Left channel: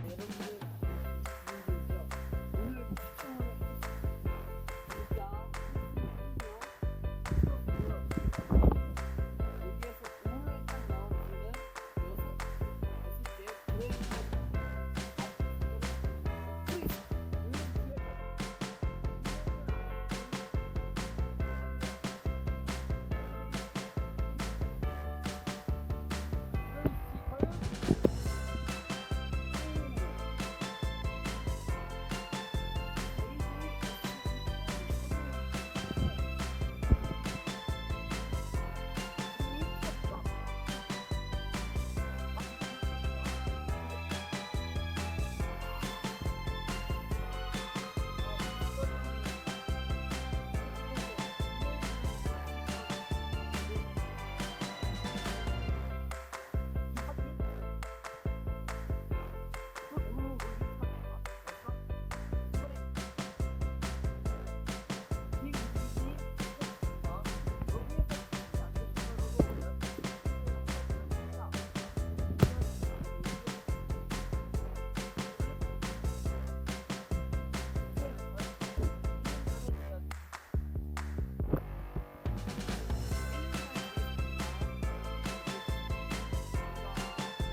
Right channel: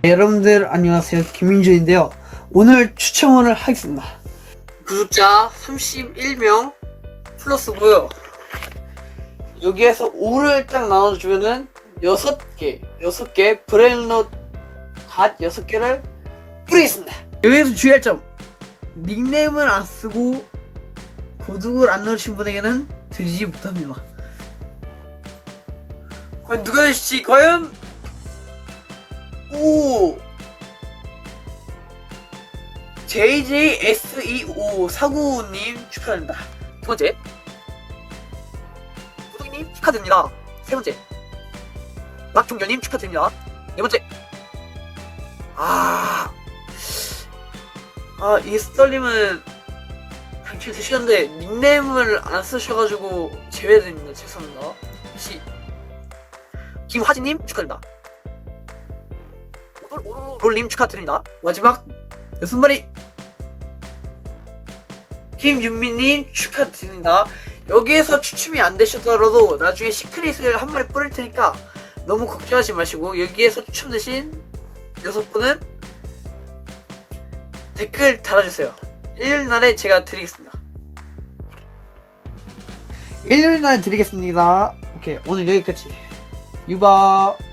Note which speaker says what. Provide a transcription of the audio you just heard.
Speaker 1: 네, 여러분들 안녕하세요. 김민준인데요. 오늘 추첨을 하겠습니다. 구독자 31명 플러스고요. 여기에서 5를 딱 나눠주면은 6개 6개 브레인롯 닷 6개를 뿌리겠습니다. 여기에서 주의할 점 닉네임을 안 쓰고 도둑을 안 넣으신 분에게는 드리지 못합니다. 과연 누가 될지 과연 오 JJSEO 사구님 축하드립니다. 두 번째 호동이님 축하드립니다. 세 번째 박종현님 축하드립니다. 네 번째 아, 아, 이 썰님은 당첨 되시는데 닉네임을 안 쓰셔가지고 제외됩니다. 죄송합니다. 혹시 김화진님 축하드립니다. 롤님 축하드립니다. 마지막 여섯 마리 김윤미님 축하드립니다. 여기에서 추첨이 안 되셨더라도 나중에 시크릿을 한 마리 뿌릴 테니까 너무 걱정하지 마시고 여기에서 추첨되신 여섯 분은 댓글 달아주세요. 일요일 날에 제가 드리겠습니다. 일요일 날에 드리겠습니다. 오케이 오늘 여기까지. 유바.